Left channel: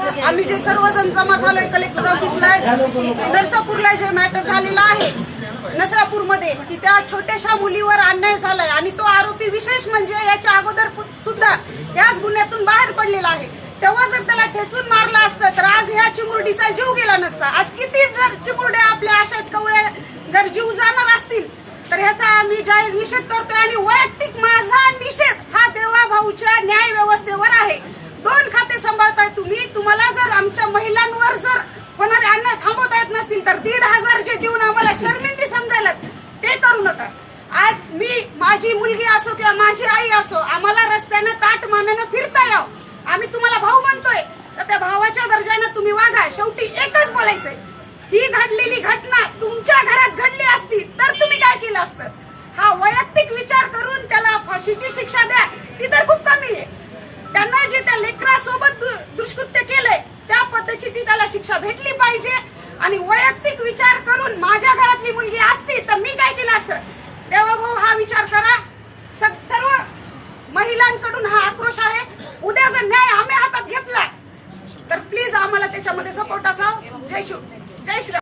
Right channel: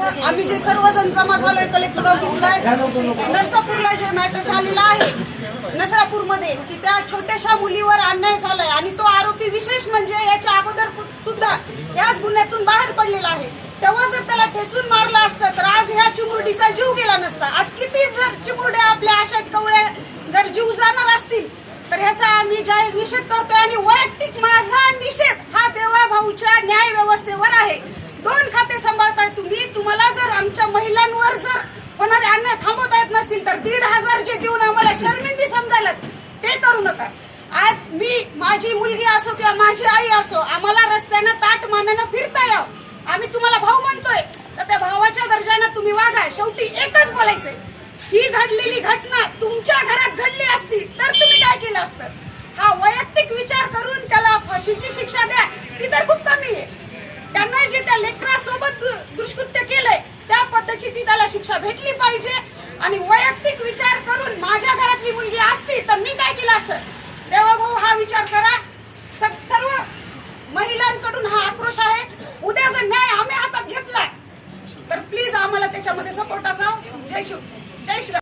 आम्ही जे सर्वजण जमा झालोय कलेक्टर ऑफिसला, नरसापूरला जे मॅटर झालेला आहे नसरापूरमध्ये, की त्या छोट्याशा मुलीवर अन्याय झालाय आणि तो आरोपी विशेष म्हणजे याच्या अगोदर सुद्धा याच गुन्ह्यातून बाहेर पडलेला आहे. तेव्हा जर त्याला ठेचून मारलं असतं तर आज ह्या चिमुरडीचा जीव गेला नसता. आज किती जर चिमुरड्या आपल्या आशात कवळ्या जर जीव जाणार असतील तर ह्याचा आम्ही जाहीर निषेध करतोय. आणि वैयक्तिक माझा निषेध हा देवा भाऊच्या न्याय व्यवस्थेवर आहे. 2 खाते सांभाळताय तुम्ही. तुम्हाला जर आमच्या महिलांवर जर होणारे अन्याय थांबवता येत नसतील तर 1,500 जे देऊन आम्हाला शर्मिंदी समजायला ते करू नका. आज मी, माझी मुलगी असो किंवा माझी आई असो, आम्हाला रस्त्यानं ताट मानानं फिरता यावं. आम्ही तुम्हाला भाऊ म्हणतोय तर त्या भावाच्या दर्जानं तुम्ही वागा. शेवटी एकच बोलायचंय, ही घडलेली घटना तुमच्या घरात घडली असती तर तुम्ही काय केलं असतं? हा वैयक्तिक विचार करून त्याला फाशीची शिक्षा द्या, ती तर खूप कमी आहे. त्यांना जे त्या लेकरासोबत दुष्कृत्य केलंय त्या पद्धतीची ती त्याला शिक्षा भेटली पाहिजे. आणि वैयक्तिक विचार करून माझ्या घरातली मुलगी असती तर मी काय केलं असतं? देवाभाऊ हा विचार करा. सर्व महिलांकडून हा आक्रोश आहे. उद्या जर न्याय आम्ही हातात घेतला तर प्लीज आम्हाला त्याच्यामध्ये सपोर्ट असावं. जय श्री